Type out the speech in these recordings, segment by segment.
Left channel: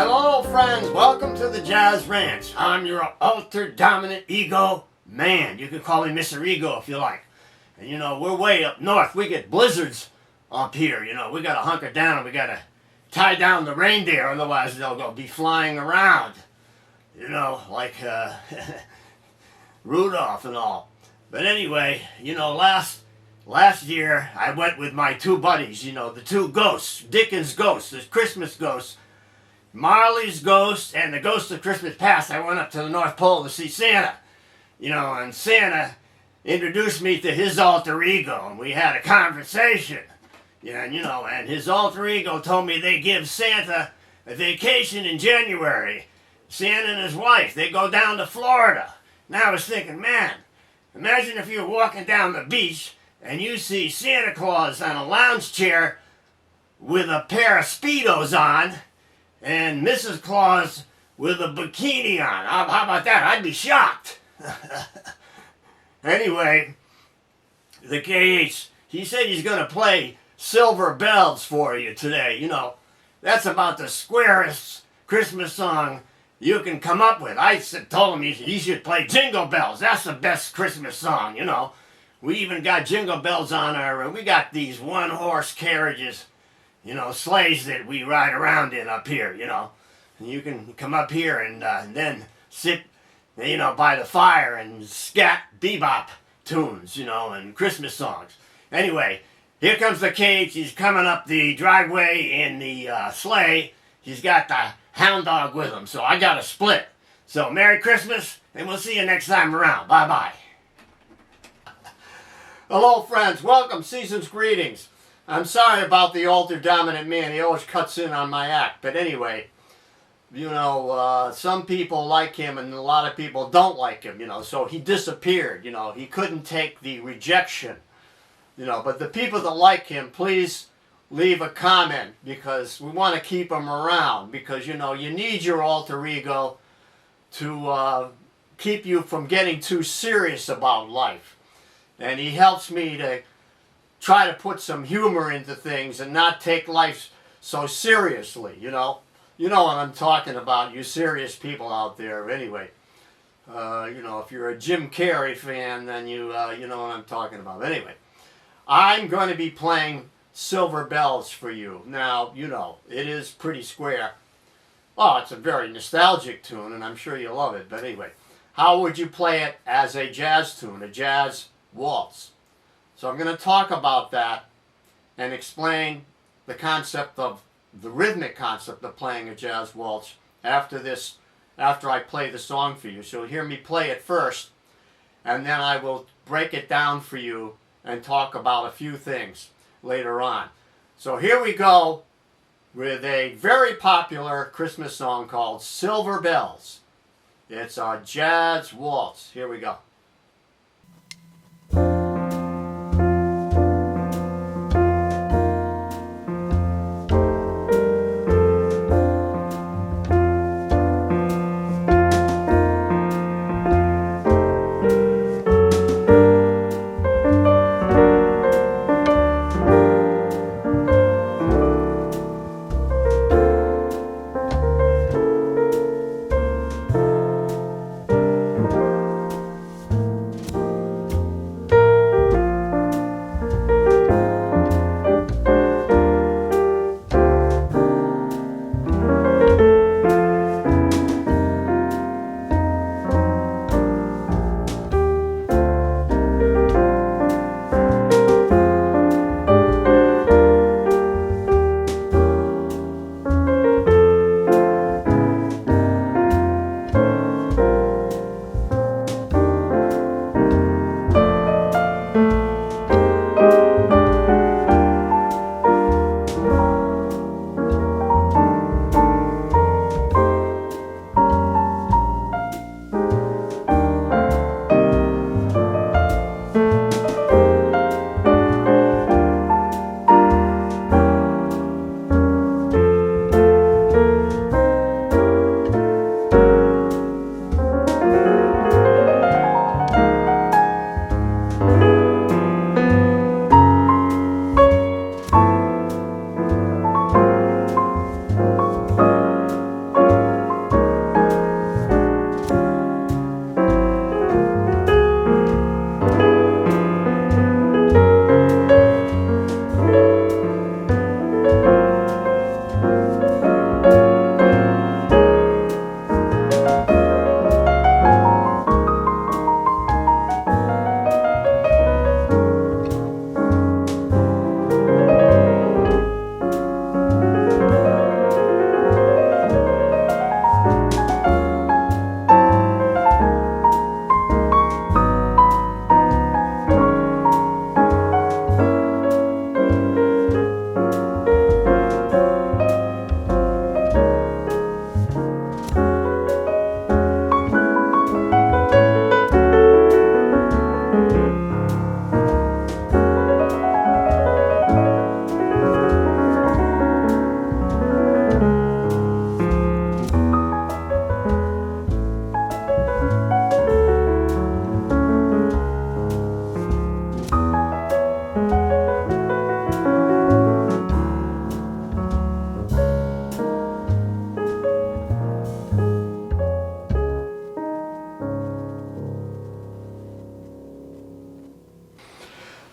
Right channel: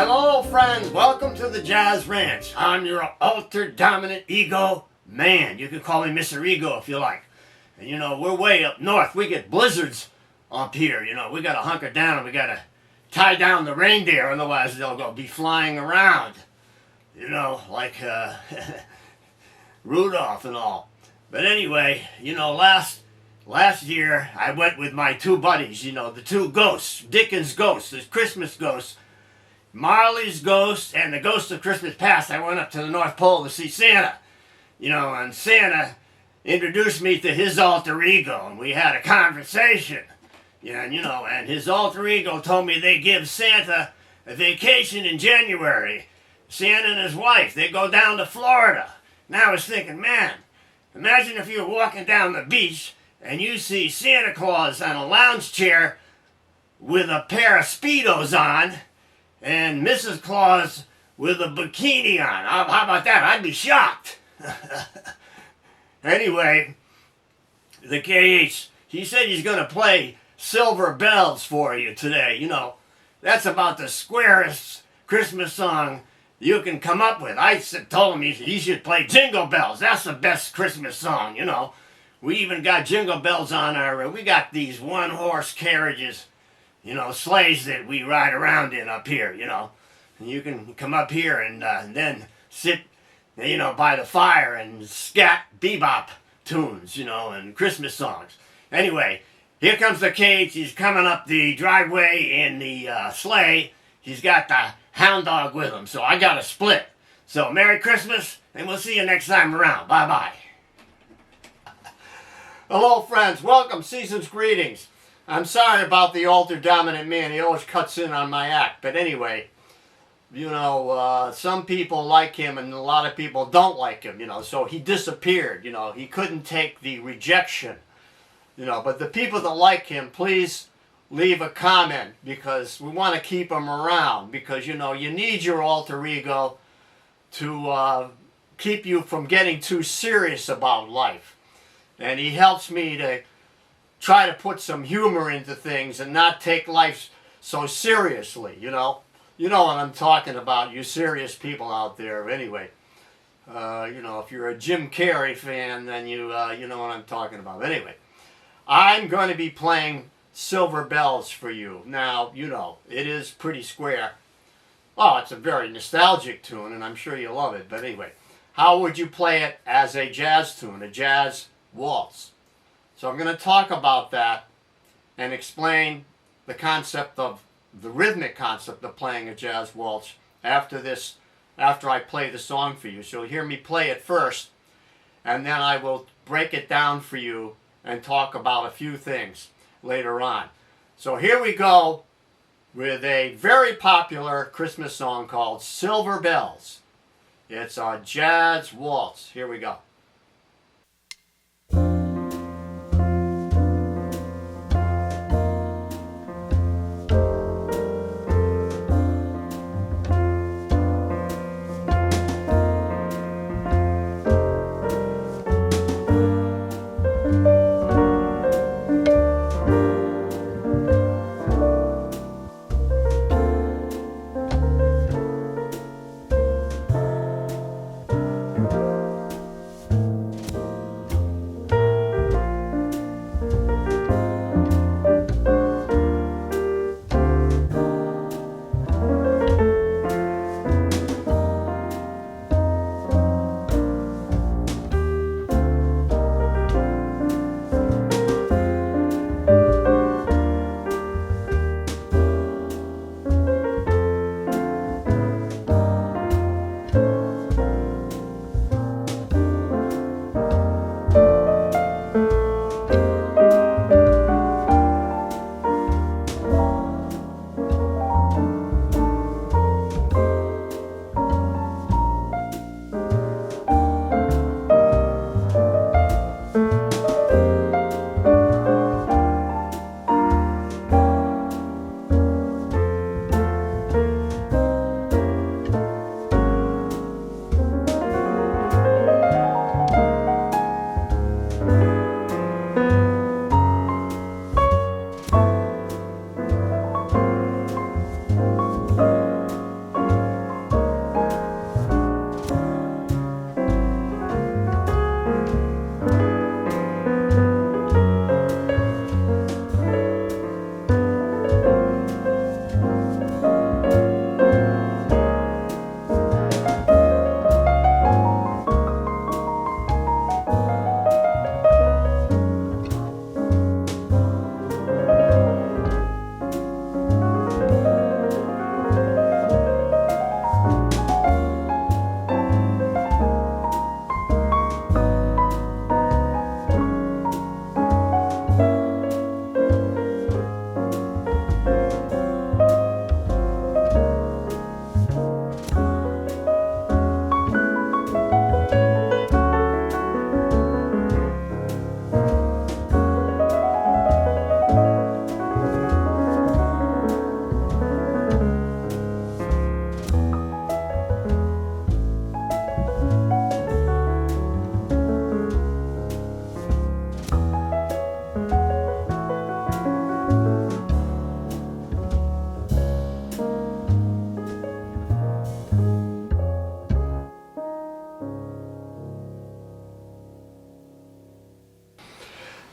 Hello, friends. Welcome to the Jazz Ranch. I'm your ultra-dominant ego man. You can call me Mr. Ego if you like. And, we're way up north. We get blizzards up here. We got to hunker down. We got to tie down the reindeer. Otherwise, they'll go be flying around. Like Rudolph and all. But anyway, last year I went with my two buddies, the two ghosts, Dickens' ghost, the Christmas ghost, Marley's ghost, and the ghost of Christmas past. I went up to the North Pole to see Santa, and Santa introduced me to his alter ego, and we had a conversation, and his alter ego told me they give Santa a vacation in January. Santa and his wife, they go down to Florida. Now I was thinking, man, imagine if you were walking down the beach and you see Santa Claus on a lounge chair with a pair of Speedos on, and Mrs. Claus with a bikini on. How about that? I'd be shocked. Anyway, the KH, he said he's going to play Silver Bells for you today. That's about the squarest Christmas song you can come up with. I told him he should play Jingle Bells. That's the best Christmas song, We even got Jingle Bells on we got these one-horse carriages, sleighs that we ride around in up here, And you can come up here and then sit, by the fire and scat bebop tunes, and Christmas songs. Anyway, here comes the cage. He's coming up the driveway in the sleigh. He's got the hound dog with him, so I got a split. So Merry Christmas, and we'll see you next time around. Bye-bye. Hello, friends. Welcome. Season's greetings. I'm sorry about the ultra-dominant man. He always cuts in on my act. But anyway, some people like him and a lot of people don't like him, So he disappeared, He couldn't take the rejection, But the people that like him, please leave a comment because we want to keep him around because, you need your alter ego to keep you from getting too serious about life. And he helps me to try to put some humor into things and not take life so seriously, You know what I'm talking about, you serious people out there. Anyway, if you're a Jim Carrey fan, then you know what I'm talking about. Anyway, I'm going to be playing Silver Bells for you. Now, it is pretty square. Oh, it's a very nostalgic tune, and I'm sure you love it. But anyway, how would you play it as a jazz tune, a jazz waltz? So I'm going to talk about that and explain the concept of the rhythmic concept of playing a jazz waltz after I play the song for you. So you'll hear me play it first, and then I will break it down for you and talk about a few things later on. So here we go with a very popular Christmas song called Silver Bells. It's a jazz waltz. Here we go.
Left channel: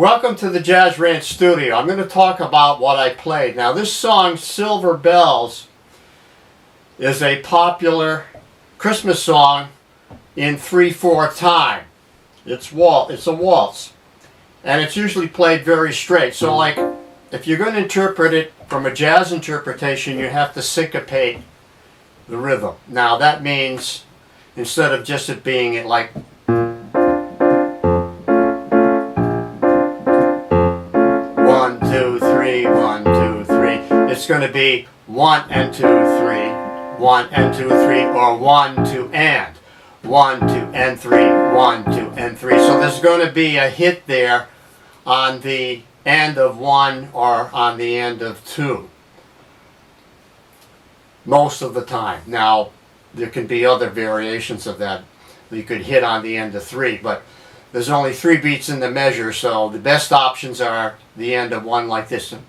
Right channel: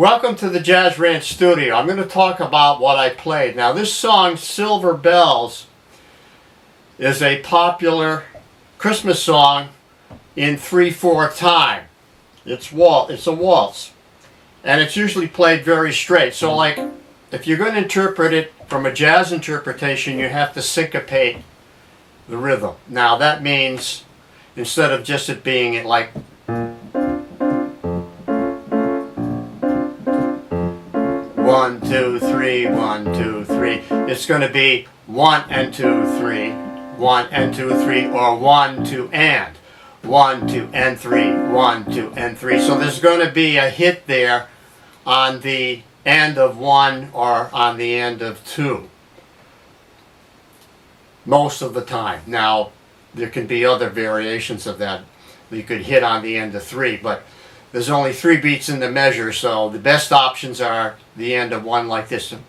Welcome to the Jazz Ranch Studio. I'm going to talk about what I played. Now this song, Silver Bells, is a popular Christmas song in 3/4 time. It's a waltz. And it's usually played very straight. So like, if you're going to interpret it from a jazz interpretation, you have to syncopate the rhythm. Now that means, instead of just it being like 1, 2, 3, 1, 2, 3. It's going to be 1 and 2, 3, 1 and 2, 3, or 1, 2, and 1, 2, and 3, 1, 2, and 3. So there's going to be a hit there on the end of 1 or on the end of 2 most of the time. Now there can be other variations of that. You could hit on the end of 3, but there's only 3 beats in the measure, so the best options are the end of 1 like this. 1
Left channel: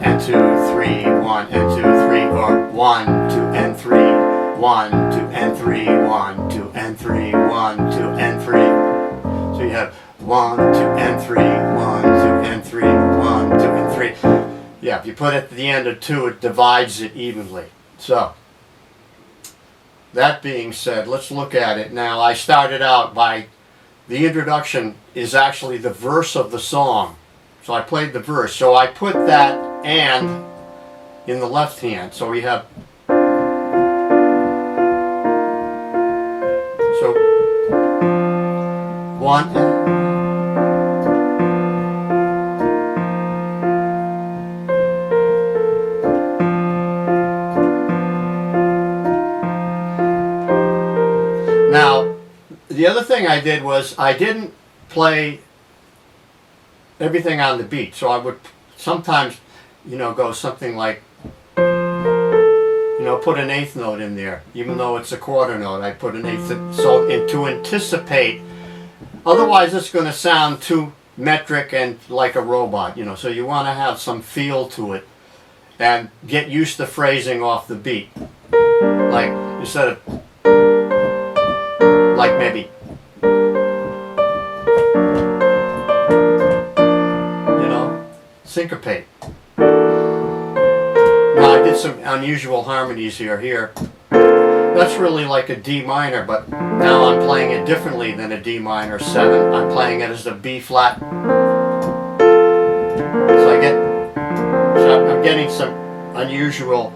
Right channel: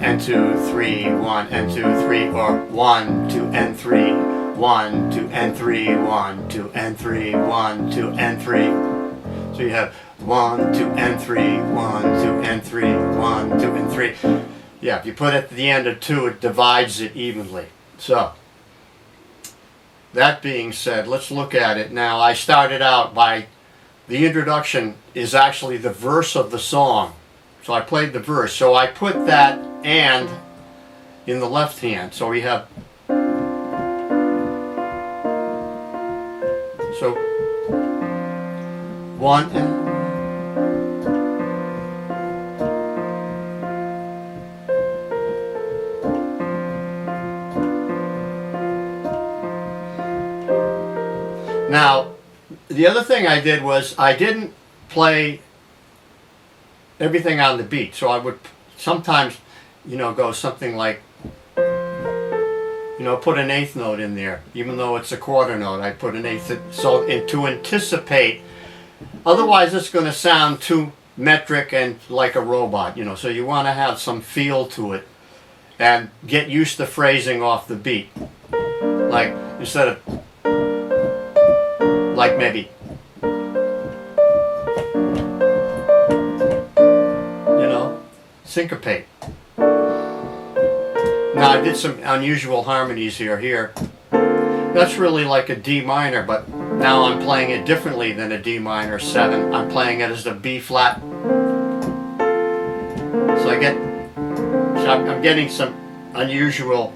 and 2, 3, 1 and 2, 3, or 1, 2, and 3, 1, 2, and 3, 1, 2, and 3, 1, 2, and 3. So you have 1, 2, and 3, 1, 2, and 3, 1, 2, and 3. Yeah, if you put it at the end of 2, it divides it evenly. So that being said, let's look at it. Now, I started out by, the introduction is actually the verse of the song. So I played the verse. So I put that and in the left hand. So we have, so 1 and, now, the other thing I did was I didn't play everything on the beat. So I would sometimes, go something like, put an 8th note in there. Even though it's a quarter note, I put an 8th. So to anticipate, otherwise it's going to sound too metric and like a robot, So you want to have some feel to it and get used to phrasing off the beat. Like, instead of, like maybe, syncopate. Now I did some unusual harmonies here. That's really like a D minor, but now I'm playing it differently than a D minor 7. I'm playing it as a B flat. So I'm getting some unusual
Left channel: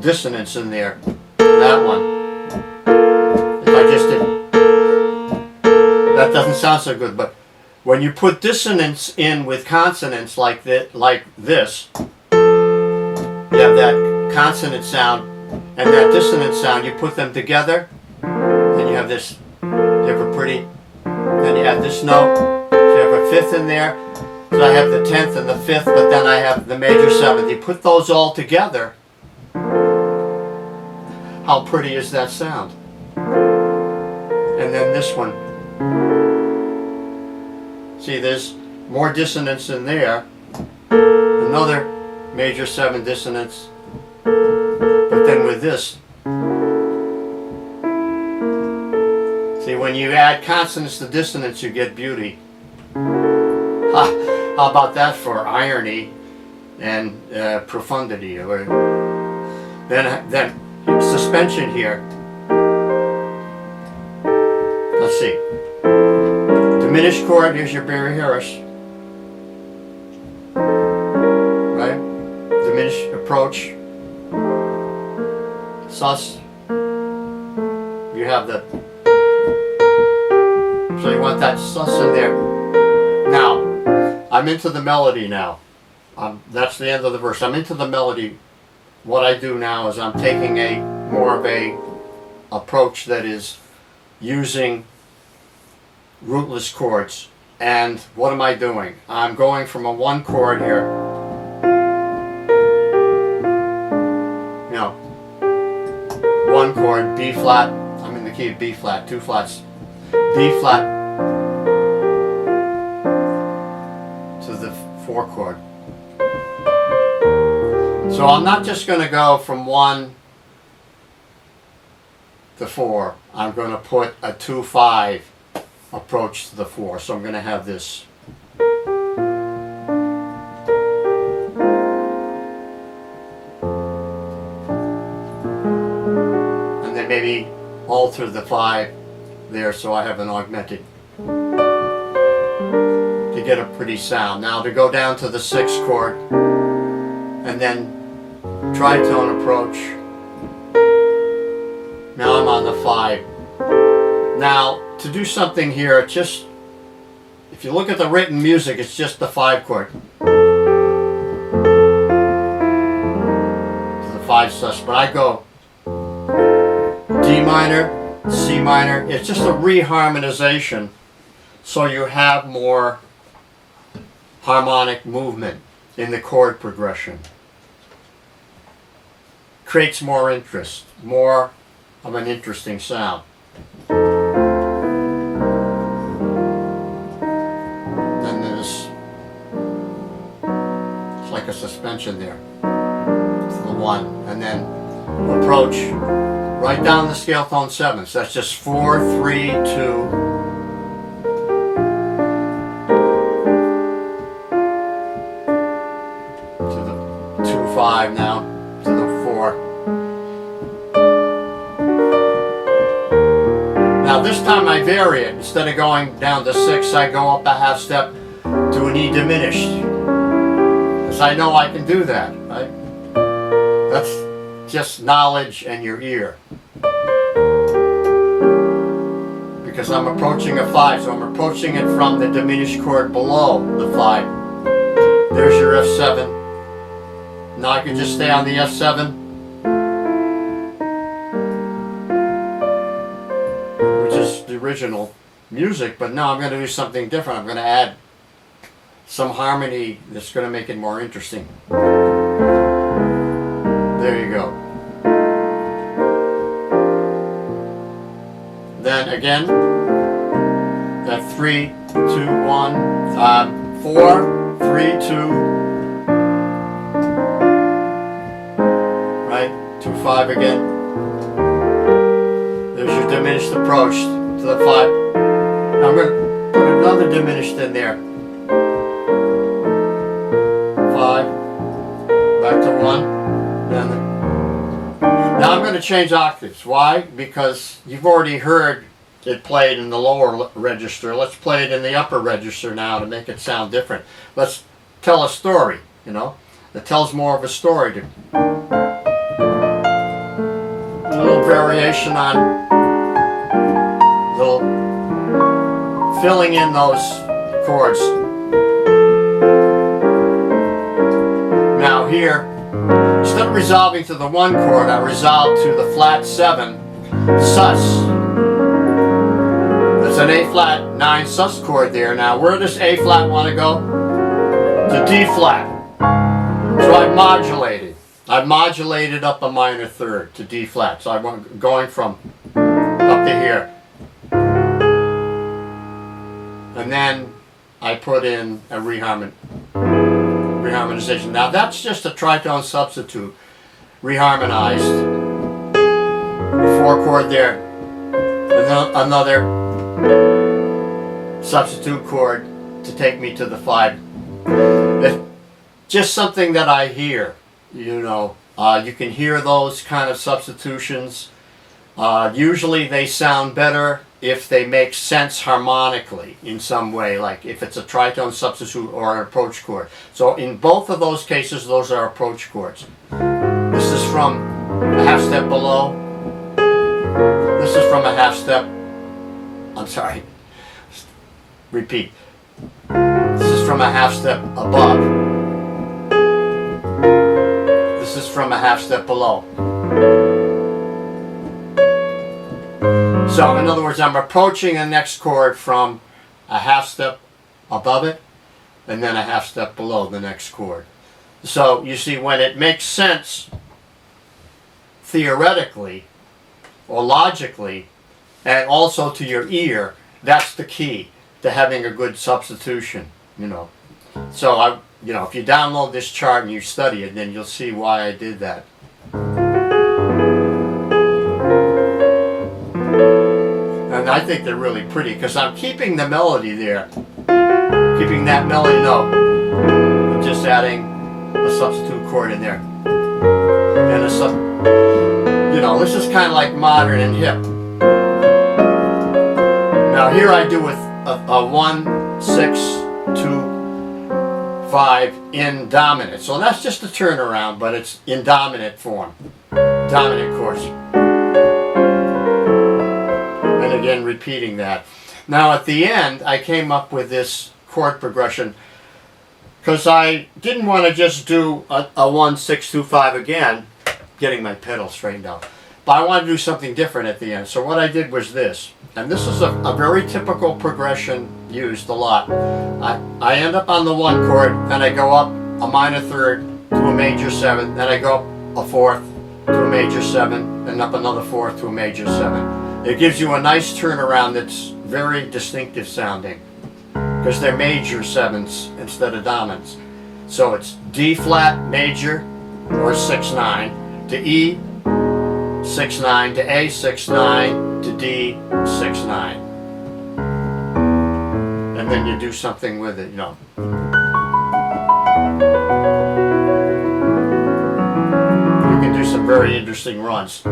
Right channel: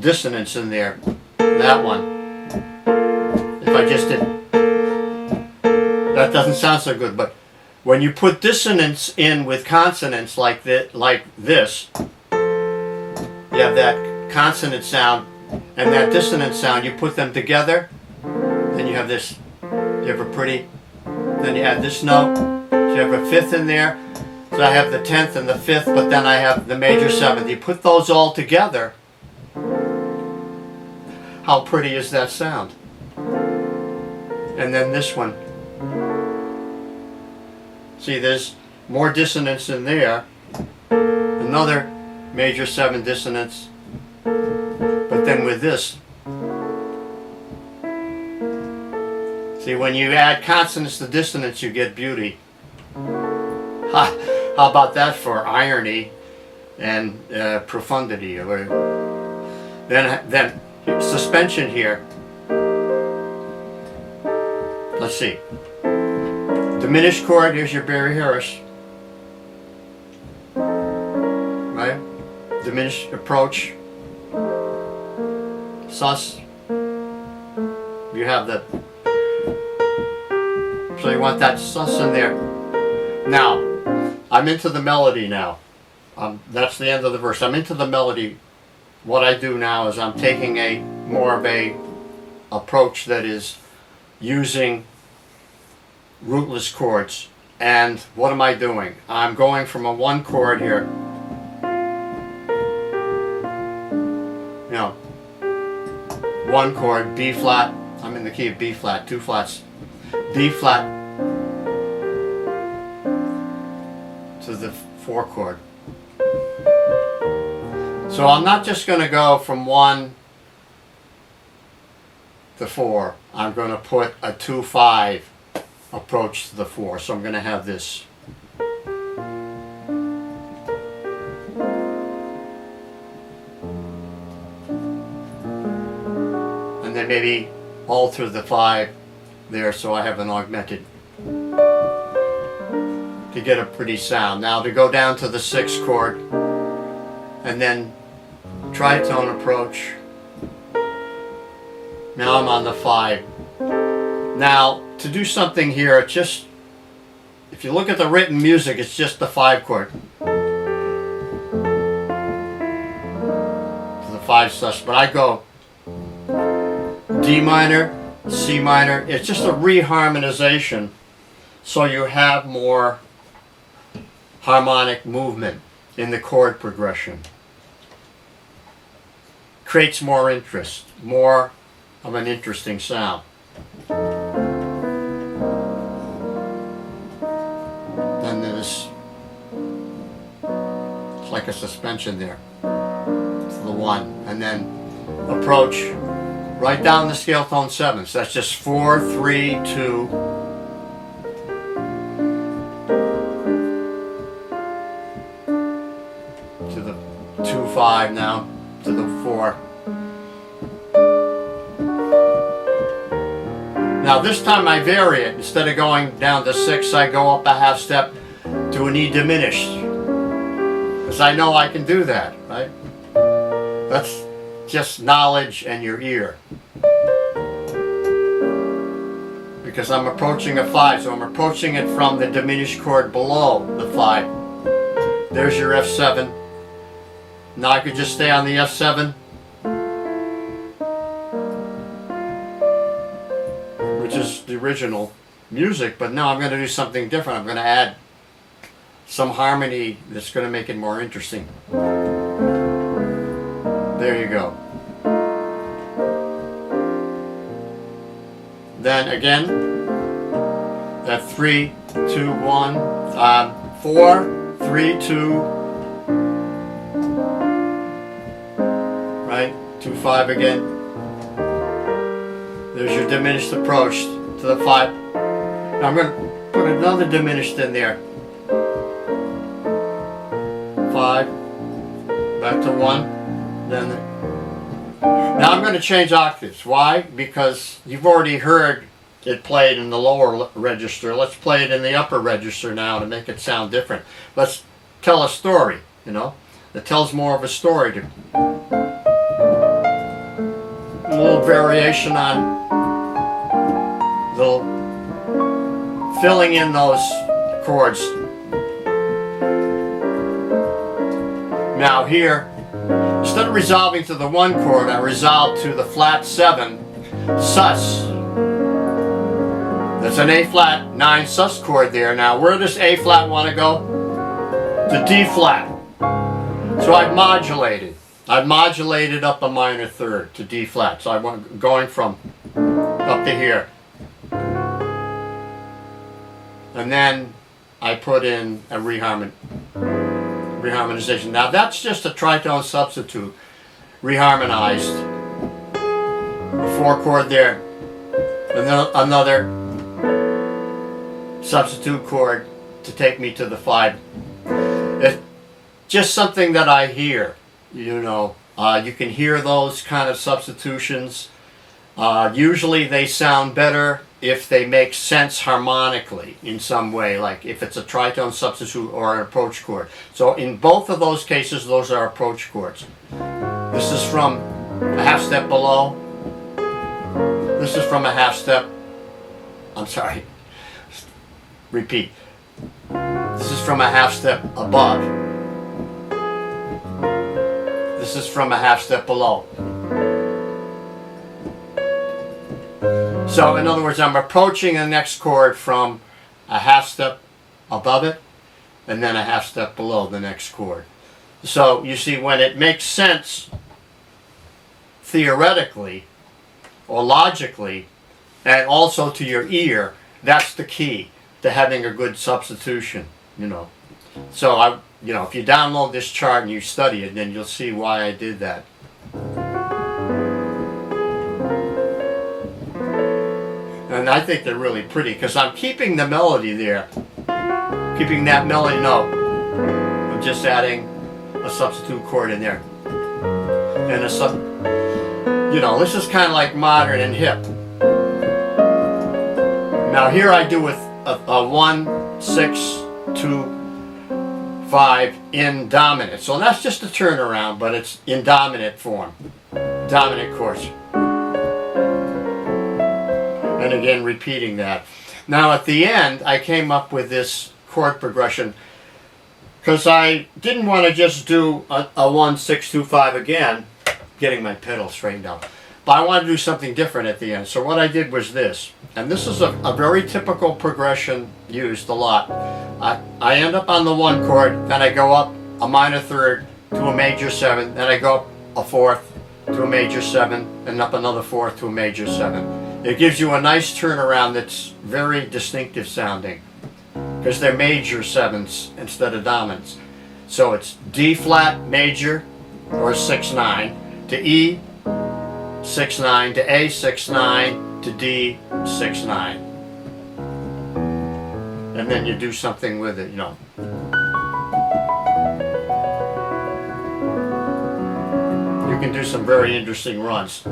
dissonance in there. That one. If I just did, that doesn't sound so good, but when you put dissonance in with consonants like this, you have that consonant sound and that dissonant sound. You put them together, and you have this. You have a pretty. Then you add this note. So you have a 5th in there. So I have the 10th and the 5th, but then I have the major 7th. You put those all together. How pretty is that sound? And then this one. See, there's more dissonance in there. Another major 7 dissonance. But then with this, see, when you add consonants to dissonance, you get beauty. How about that for irony and profundity? Then suspension here. Let's see. Diminished chord, here's your Barry Harris. Right? Diminished approach. Sus. You have the. So you want that sus in there. Now, I'm into the melody now. That's the end of the verse. I'm into the melody. What I do now is I'm taking more of a approach that is using rootless chords. And what am I doing? I'm going from a 1 chord here. 1 chord, B flat. I'm in the key of B flat, 2 flats. B flat to the 4 chord. So I'm not just going to go from 1 to 4. I'm going to put a 2-5 approach to the 4. So I'm going to have this. And then maybe alter the 5 there so I have an augmented to get a pretty sound. Now to go down to the 6th chord and then tritone approach. Now I'm on the 5. Now to do something here, just if you look at the written music, it's just the 5 chord. To the 5 sus, but I go D minor, C minor. It's just a reharmonization so you have more harmonic movement in the chord progression. Creates more interest, more of an interesting sound. Then there's, it's like a suspension there. It's the 1. And then approach right down the scale tone 7. So that's just 4, 3, 2. To the 2, 5 now, to the 4. Now this time I vary it. Instead of going down to 6, I go up a half step to an E diminished. Because I know I can do that, right? That's just knowledge and your ear. Because I'm approaching a 5, so I'm approaching it from the diminished chord below the 5. There's your F7. Now I can just stay on the F7. Which is the original music, but now I'm going to do something different. I'm going to add some harmony that's going to make it more interesting. There you go. Then again, that 3, 2, 1, 4, 3, 2, right? 2, 5 again. There's your diminished approach to the 5. Now I'm going to put another diminished in there. 5, back to 1, then. Now I'm going to change octaves. Why? Because you've already heard it played in the lower register. Let's play it in the upper register now to make it sound different. Let's tell a story, you know. It tells more of a story. A little variation on the filling in those chords. Now here, instead of resolving to the 1 chord, I resolve to the flat 7 sus. There's an A flat 9 sus chord there. Now where does A flat want to go? To D flat. So I've modulated. I've modulated up a minor third to D flat. So I'm going from up to here. And then I put in a reharmonization. Now that's just a tritone substitute, reharmonized. The 4 chord there, another substitute chord to take me to the 5. It's just something that I hear, you know. You can hear those kind of substitutions. Usually they sound better if they make sense harmonically in some way, like if it's a tritone substitute or an approach chord. So in both of those cases, those are approach chords. This is from a half step below. This is from a half step, I'm sorry, repeat. This is from a half step above. This is from a half step below. So in other words, I'm approaching the next chord from a half step above it and then a half step below the next chord. So you see, when it makes sense theoretically or logically and also to your ear, that's the key to having a good substitution, you know. So if you download this chart and you study it, then you'll see why I did that. And I think they're really pretty because I'm keeping the melody there. Keeping that melody note. I'm just adding a substitute chord in there. And you know, this is kind of like modern and hip. Now here I do with a 1, 6, 2, 5 in dominant. So that's just a turnaround, but it's in dominant form. Dominant chords. And again, repeating that. Now at the end, I came up with this chord progression because I didn't want to just do a 1, 6, 2, 5 again, getting my pedal straightened out. But I wanted to do something different at the end. So what I did was this. And this is a very typical progression used a lot. I end up on the 1 chord, then I go up a minor 3rd to a major 7, then I go up a 4th to a major 7, and up another 4th to a major 7. It gives you a nice turnaround that's very distinctive sounding because they're major 7s instead of dominants. So it's D flat major or 6-9 to E 6-9 to A 6-9 to D 6-9, and then you do something with it, you know. You can do some very interesting runs.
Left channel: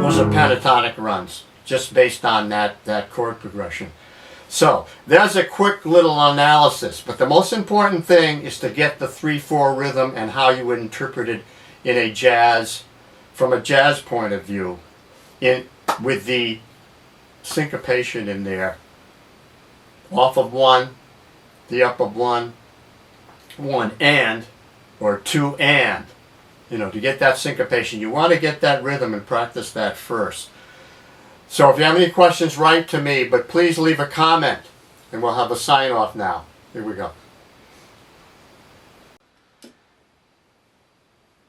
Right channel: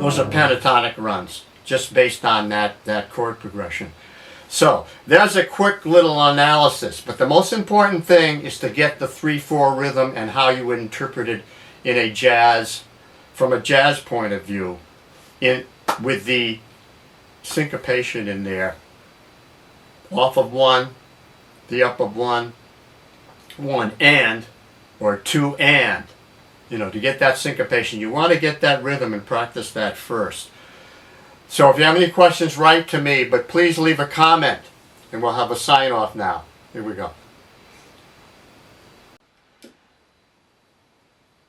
Those are pentatonic runs, just based on that chord progression. So there's a quick little analysis, but the most important thing is to get the 3/4 rhythm and how you would interpret it in a jazz, from a jazz point of view, with the syncopation in there. Off of 1, the up of 1, 1 and, or 2 and. You know, to get that syncopation, you want to get that rhythm and practice that first. So if you have any questions, write to me, but please leave a comment, and we'll have a sign-off now. Here we go.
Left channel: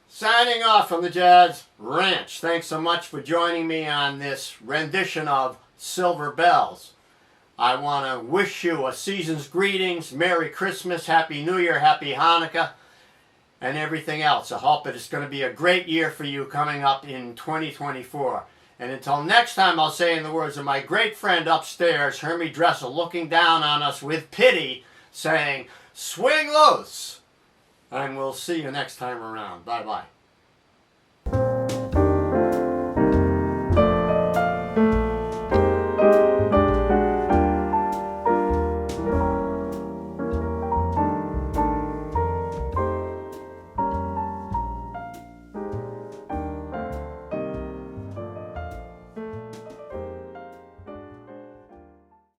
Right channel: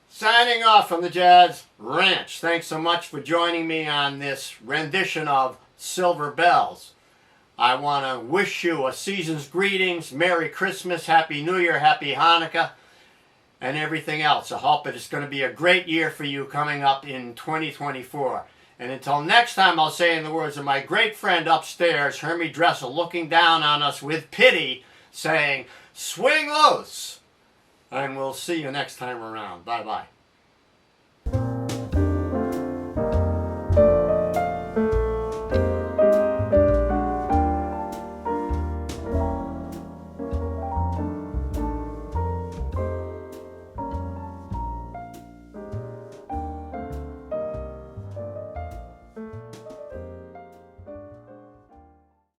Signing off from the Jazz Ranch. Thanks so much for joining me on this rendition of Silver Bells. I want to wish you a season's greetings, Merry Christmas, Happy New Year, Happy Hanukkah, and everything else. I hope it's going to be a great year for you coming up in 2024. And until next time, I'll say in the words of my great friend upstairs, Hermie Dressel, looking down on us with pity, saying, swing loose. And we'll see you next time around. Bye-bye.